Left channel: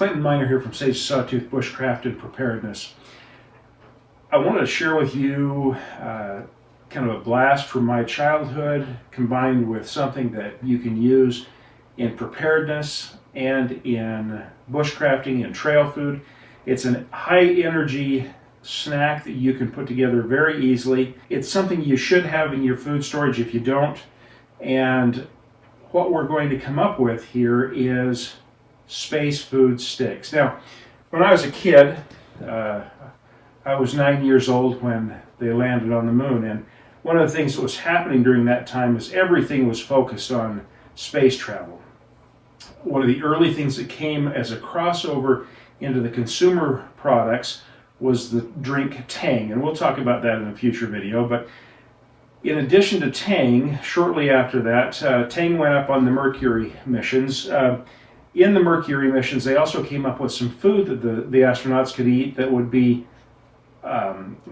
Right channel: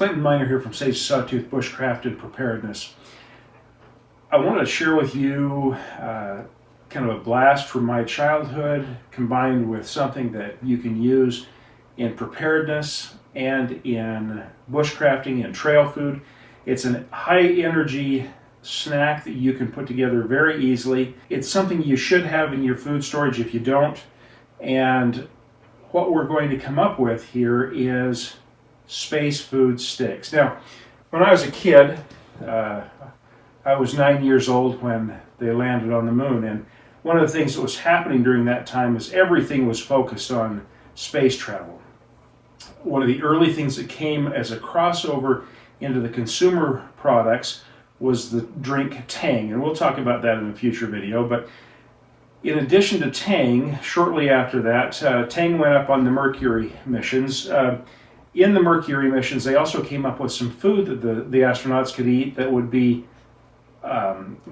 Clinton Miner here from Sawtooth Bushcraft and Preparedness. I wanted to share with you kind of a blast from my childhood combined with something that you can use in preparedness and in bushcrafting and trail food. It's a high energy snack that you can put together very easily. It's something you should have in your food storage if you don't. And what we're going to come up with here is space food sticks. Now, when I was a kid, I was 9 years old when they landed on the moon, and one of the things that was happening during that time is everything was focused on space travel. One of the early things that came as a crossover into the consumer products was the drink Tang, and we'll talk about that in a future video. But in addition to Tang, shortly after that, Tang went up on the Mercury missions. In the Mercury missions, they also came up with some food that the astronauts could eat that would be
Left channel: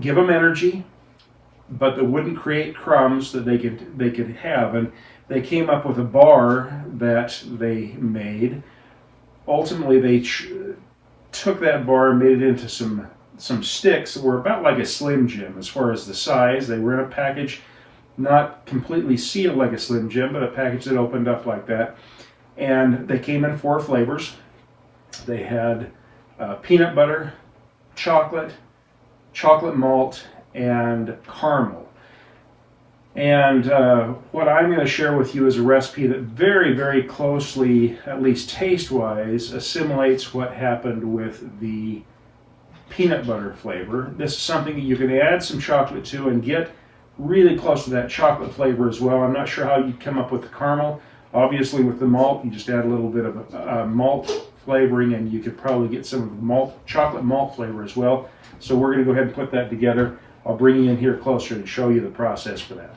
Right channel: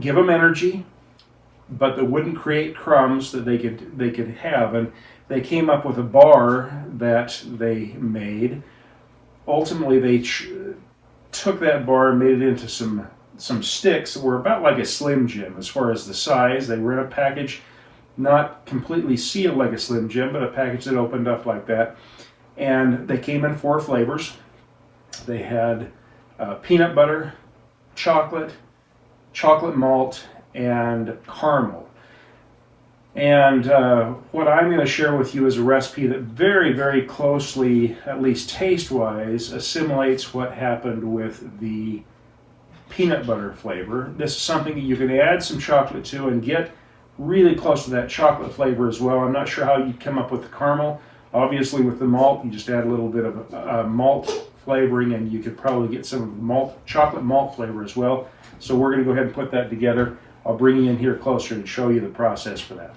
give them energy, but that wouldn't create crumbs that they could have. And they came up with a bar that they made. Ultimately, they took that bar and made it into some sticks that were about like a Slim Jim as far as the size. They were in a package, not completely sealed like a Slim Jim, but a package that opened up like that. And they came in 4 flavors. They had peanut butter, chocolate malt, and caramel. And what I'm going to share with you is a recipe that very, very closely, at least taste-wise, assimilates what happened with the peanut butter flavor. This is something that you can add some chocolate to and get really close to that chocolate flavor as well. I'm not sure how you'd come up with the caramel. Obviously, with the malt, you just add a little bit of malt flavoring, and you could probably get some of the chocolate malt flavor as well. So we're going to go ahead and put that together. I'll bring you in here closer and show you the process for that.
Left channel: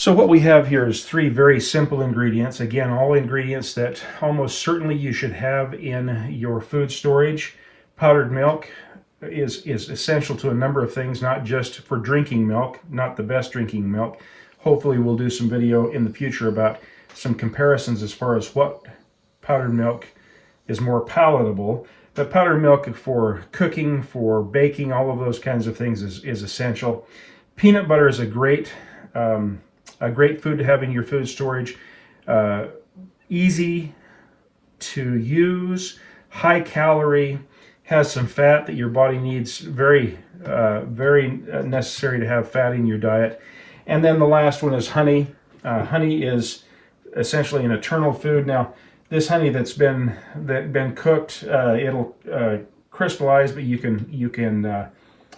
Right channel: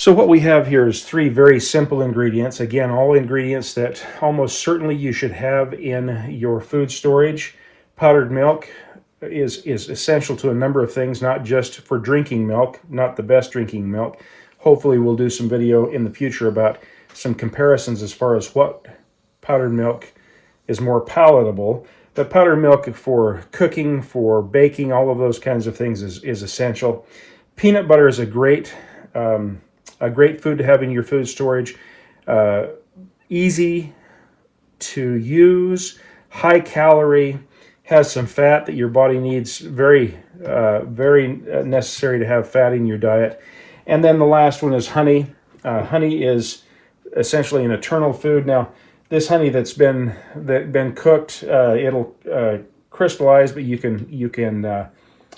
So what we have here is 3 very simple ingredients. Again, all ingredients that almost certainly you should have in your food storage. Powdered milk is essential to a number of things, not just for drinking milk, not the best drinking milk. Hopefully we'll do some video in the future about some comparisons as far as what powdered milk is more palatable. But powdered milk for cooking, for baking, all of those kinds of things is essential. Peanut butter is a great food to have in your food storage. Easy to use, high calorie, has some fat that your body needs, very necessary to have fat in your diet. And then the last one is honey. Honey is essentially an eternal food. Now, this honey that's been cooked, it'll crystallize, but you can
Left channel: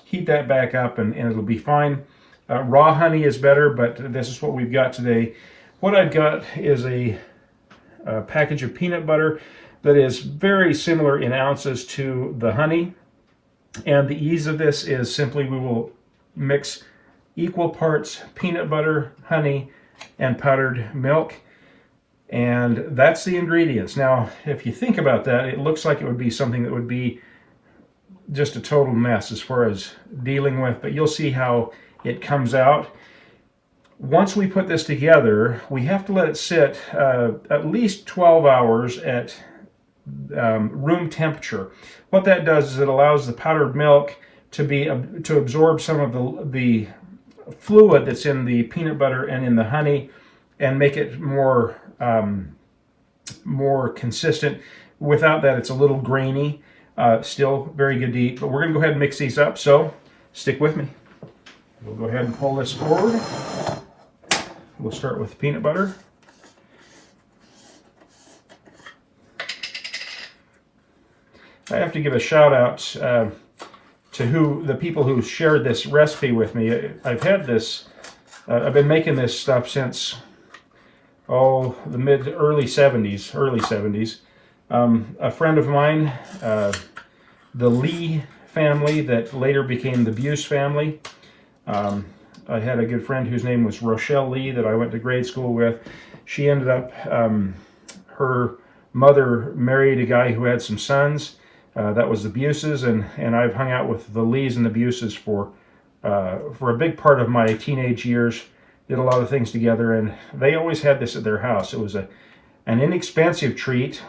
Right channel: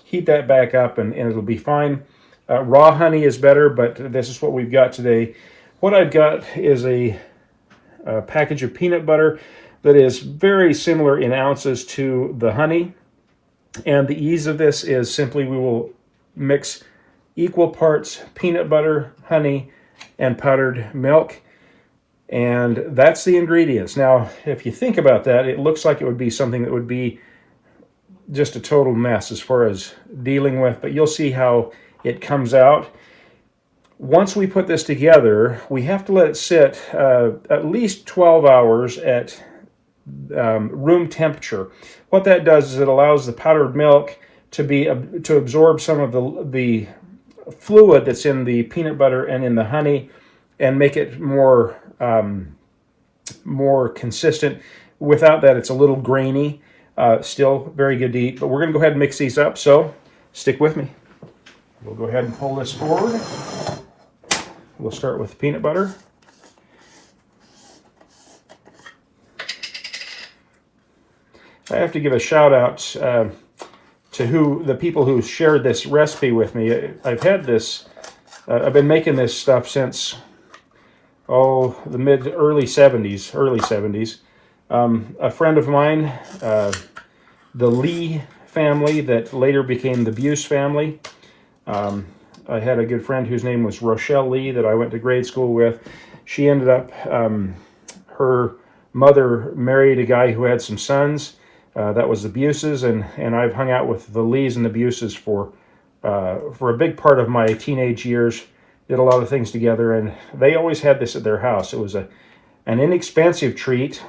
heat that back up and it'll be fine. Raw honey is better, but this is what we've got today. What I've got is a package of peanut butter that is very similar in ounces to the honey. And the ease of this is simply we will mix equal parts peanut butter, honey, and powdered milk. And that's the ingredients. Now, if you think about that, it looks like it would be something that would be just a total mess as far as dealing with, but you'll see how it comes out. Once we put this together, we have to let it sit at least 12 hours at room temperature. What that does is it allows the powdered milk to absorb some of the fluid that's in the peanut butter and in the honey and make it more consistent. Without that, it's a little grainy. Still very good to eat, but we're going to go ahead and mix these up, so stick with me. We'll go ahead and pull this forward. We'll start with peanut butter. I have to give a shout out to the people who shared this recipe with me. I've had this, I've been making this stuff since, the early 70s. A friend of mine, the Lee family that later became the Buse family. I had a good friend whose name was Rochelle Lee that I went to grade school with. She ended up, her mother married a guy who had some sons. That was the Buses, and I've hung out with the Lees and the Buses for for a big part of my teenage years, did a lot of things together, and they always had this at their house. It was an inexpensive treat.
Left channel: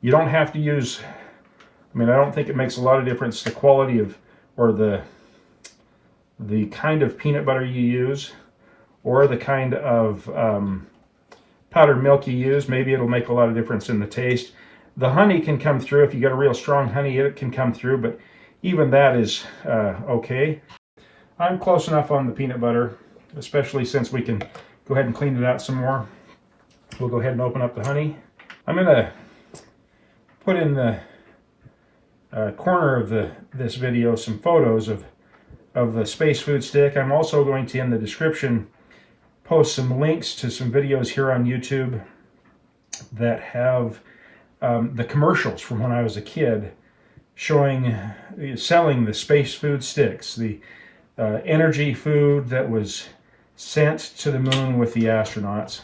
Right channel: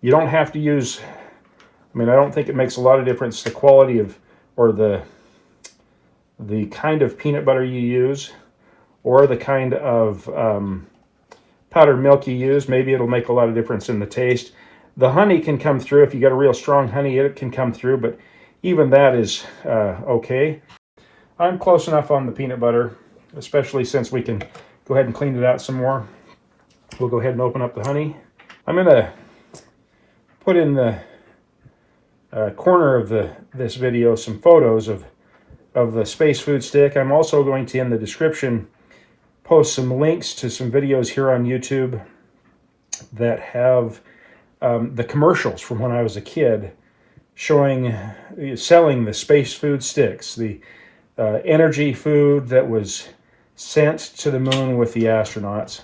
You don't have to use, I mean, I don't think it makes a lot of difference the quality of, or the kind of peanut butter you use, or the kind of powdered milk you use. Maybe it'll make a lot of difference in the taste. The honey can come through. If you got a real strong honey, it can come through, but even that is okay. I'm close enough on the peanut butter, especially since we can go ahead and clean it out some more. We'll go ahead and open up the honey. I'm going to put in the corner of this video some photos of the Space Food Stick. I'm also going to, in the description, post some links to some videos here on YouTube that have the commercials from when I was a kid selling the Space Food Sticks, the energy food that was sent to the moon with the astronauts.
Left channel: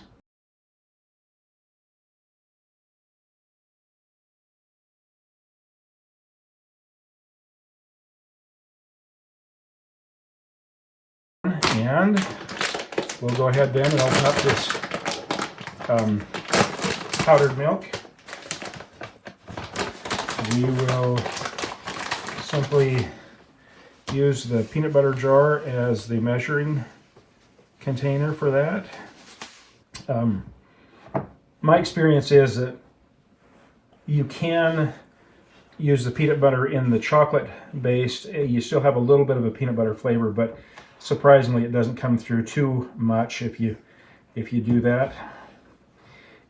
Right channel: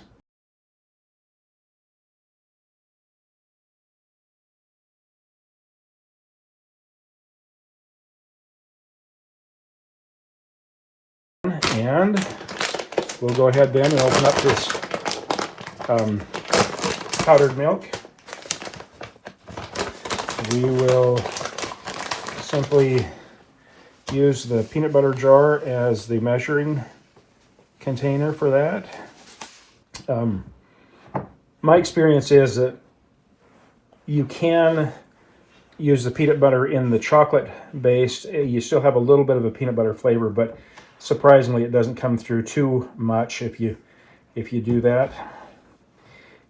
And we'll go ahead then and open up this powdered milk. We will simply use the peanut butter jar as the measuring container for that. My experience is that you can use the peanut butter in the chocolate based. You still have a little bit of a peanut butter flavor, but surprisingly it doesn't come through too much if you do that.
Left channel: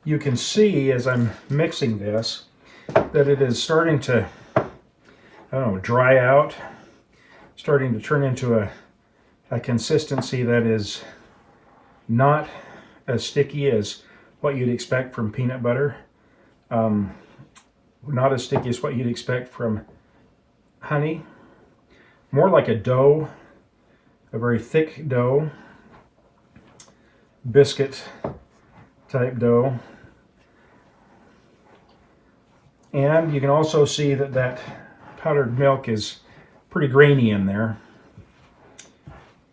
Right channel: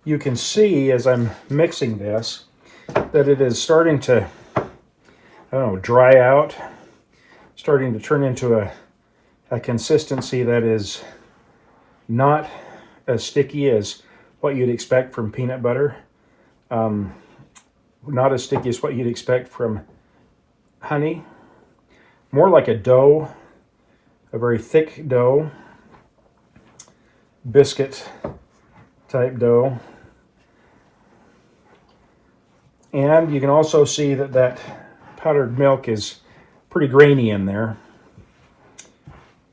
You can see as I'm mixing this that it is starting to, I don't know, dry out, starting to turn into a consistency that is not as sticky as what you'd expect from peanut butter. Not as sticky as what you'd expect from honey. More like a dough, a very thick dough, biscuit type dough. And you can also see that powdered milk is pretty grainy in there.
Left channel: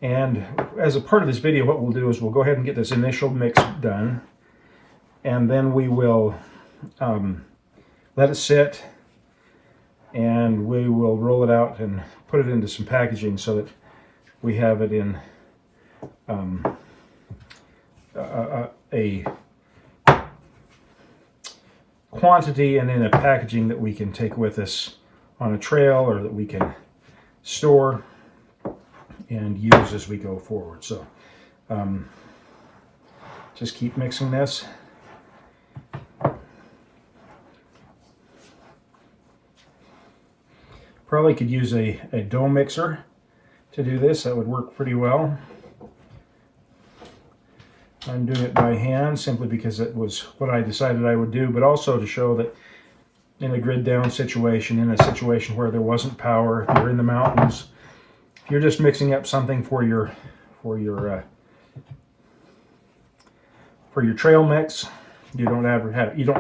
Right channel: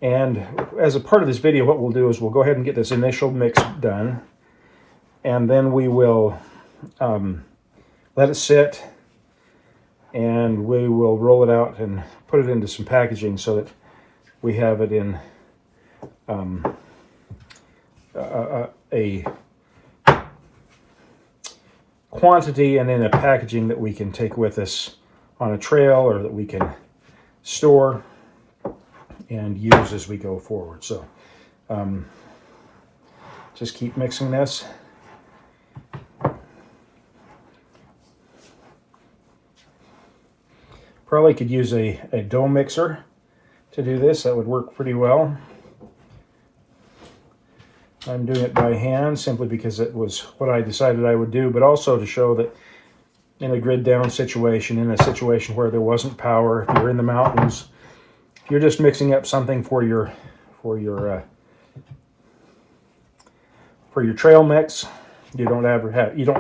And as a part of this video, what we'll do is we'll go ahead and get this initial mix done, and then we will let it sit, and we will roll it out and put it into some packaging so that we have it in a quantity and in a packaging that we can take with us on a trail, or that we can store and use as we go forward. So just keep mixing this. Probably could use a dough mixer to do this. That would work pretty well. I'm doing it by hand simply because it was what I decided I would do, but also to show that in a grid down situation, in a situation where there wasn't power, if you're in the mountains, if you're just mixing up something for your trail mix, you don't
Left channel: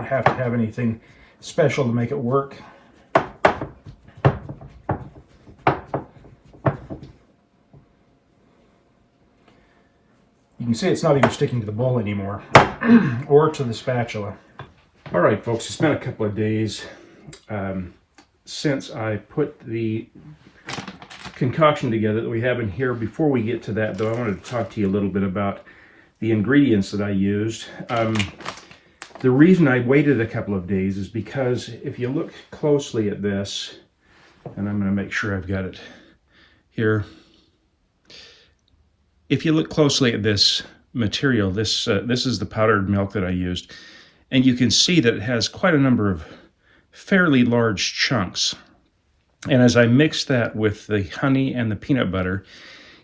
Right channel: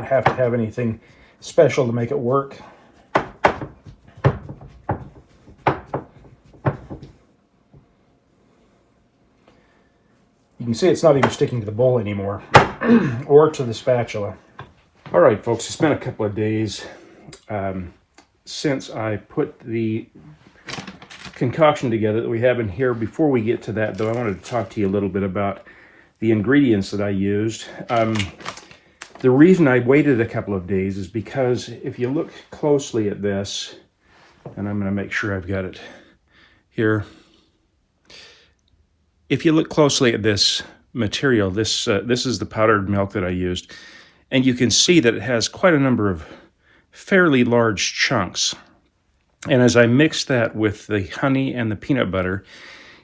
have to have anything special to make it work. You can see it's not even sticking to the bowl anymore or to the spatula. All right, folks, it's been a couple of days since I put the concoction together that we have in here. Before we get to that, though, I wanted to talk to you a little bit about the ingredients that I used. The reason I waited a couple of days is because if you look closely at this, and I'm going to make sure I've got it here. If you look closely at this material, this is the powdered milk that I used, and you can see that it has quite a number of fairly large chunks. And as I mixed that with the honey and the peanut butter,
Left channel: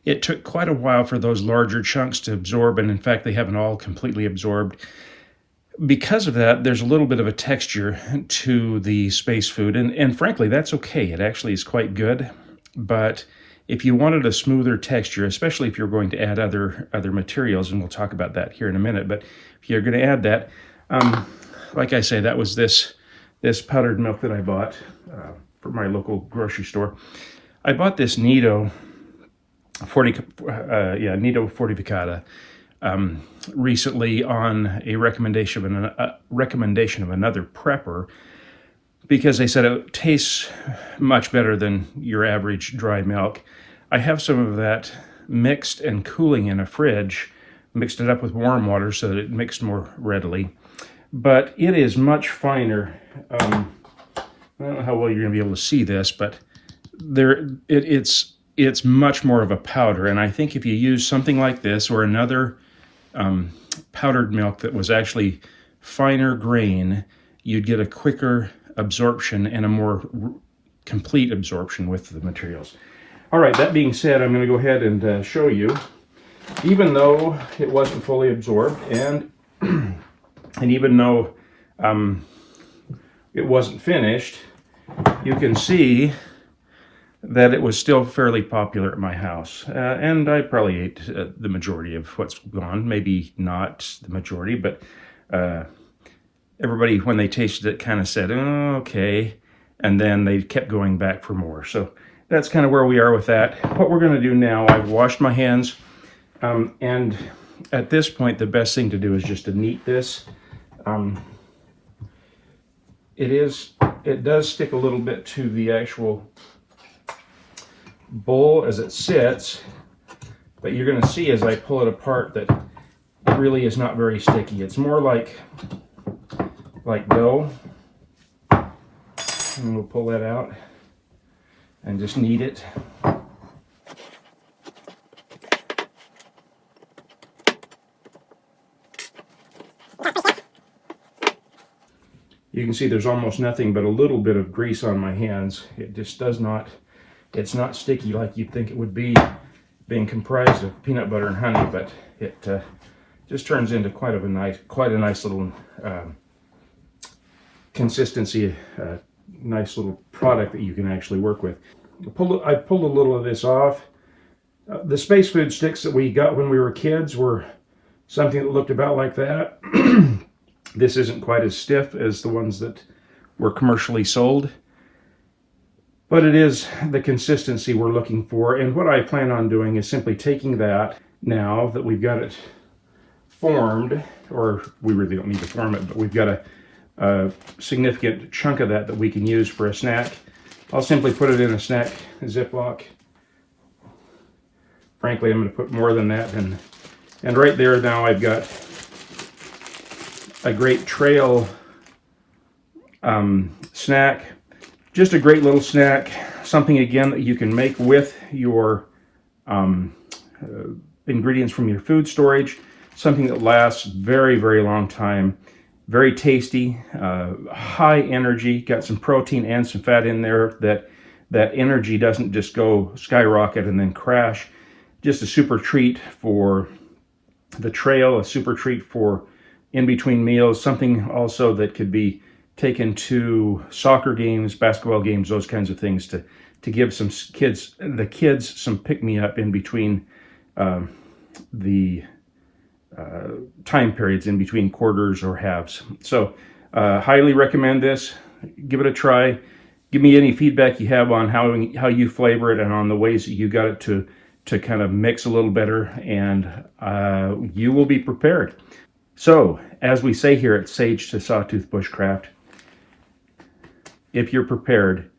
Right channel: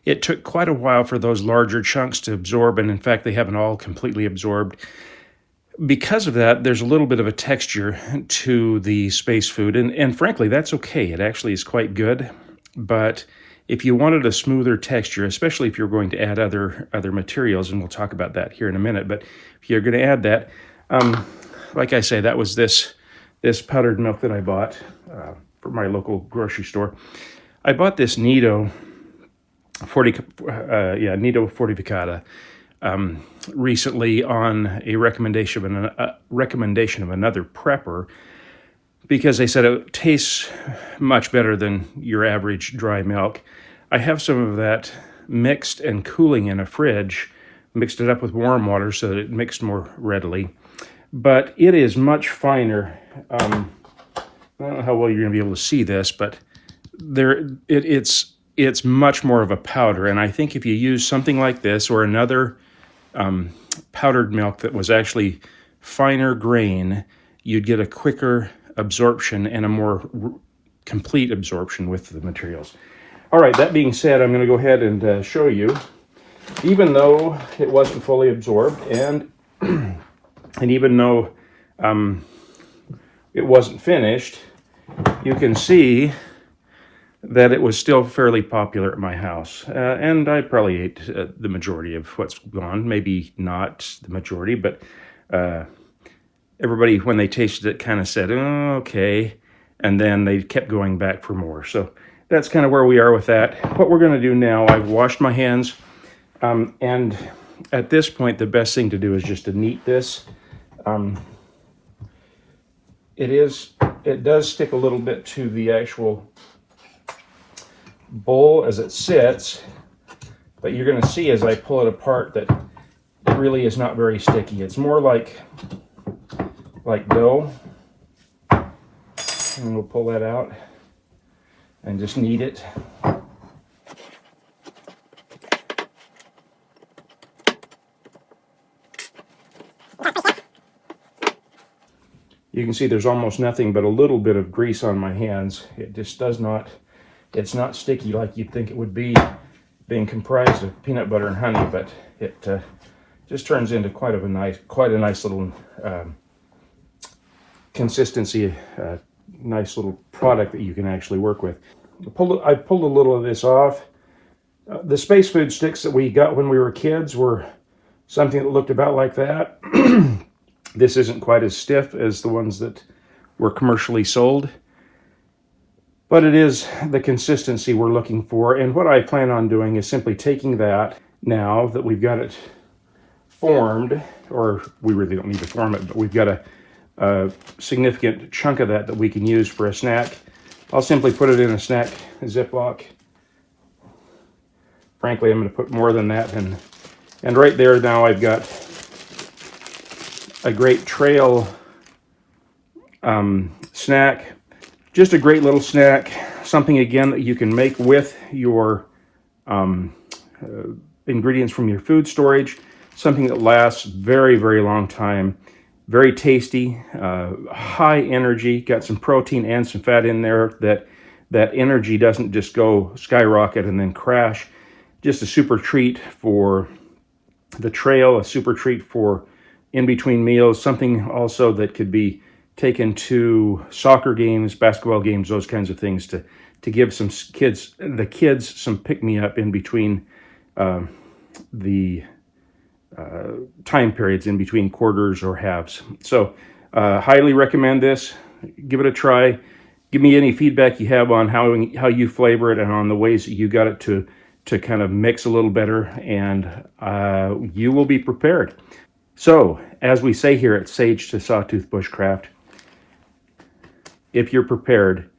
it took quite a while for those larger chunks to absorb, and in fact they haven't all completely absorbed. Because of that, there's a little bit of a texture to the space food, and frankly that's okay. It actually is quite good, but if you wanted a smoother texture, especially if you're going to add other materials, and we'll talk about that here in a minute, but if you're going to add that, like I say, that was this powdered milk that I bought from my local grocery store. I bought this Nido Nido fortificata recently on a recommendation of another prepper, because they said it tastes much better than your average dry milk. I have some of that mixed and cooling in a fridge, mixed it up with warm water so that it mixed more readily. But it is much finer. I don't know how well you're going to be able to see this, but it's much more of a powder. And I think if you use something like this or another powdered milk that was actually finer grain, you'd get a quicker absorption and a more complete absorption with the materials. All right, that being said, I'm going to go ahead and show you. Even though it wasn't fully absorbed, and even though it wasn't finished, you can see that it was still fairly popular at my house. And I probably ate the majority of what's gone. Maybe not the majority, but everybody, when they tasted it, kind of said, oh, okay. And then they kept going back for more. So that's kind of where we are with that. What we're going to do now, I've washed my hands. And at this point, the best thing to do is just to knead this. It does stick a little bit to the actual bowl as it sits, but you're going to see as I pull it apart that it really is not very sticky. It's more like dough. And we'll pull that out and just knead it. You can see there's almost nothing but a little bit of grease on my hands. It just does not, it's not sticky like you'd think it would be, being comprised of peanut butter and honey, but it just turns into quite a nice little consistency, nice little product that you can actually work with. I pulled a little of this off. The space food sticks that we got when we were kids were something that looked about like that. This isn't quite as stiff as the ones that were commercially sold, but it is the consistency we're looking for. And what I plan on doing is simply taking that, now that we've got it formed, or we really don't need to form it, but we've got a significant chunk of that we can use for a snack. I'll simply put it in a snack Ziploc. Frankly, I'm going to put more than that, and right there now I've got a great trail snack. Just a great little snack, something again that you can make with your ingredients from your food storage, something that lasts very, very long time, very tasty, high energy, got some protein and some fat in there. That energy doesn't just go skyrocket and then crash. Just a super treat for the trail, a super treat for in between meals, something also that could be taken to soccer games, basketball games, those kinds of things, to give the kids some pick-me-up in between the time periods, in between quarters or halves. So highly recommend this. Give it a try. Give me any feedback you have on how you flavor it and on the ways that you got it to kind of mix a little better, and you will be prepared. So, as we say here at Sage to Sawtooth Bushcraft, if you're prepared,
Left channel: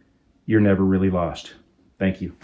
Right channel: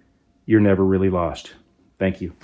you're never really lost. Thank you.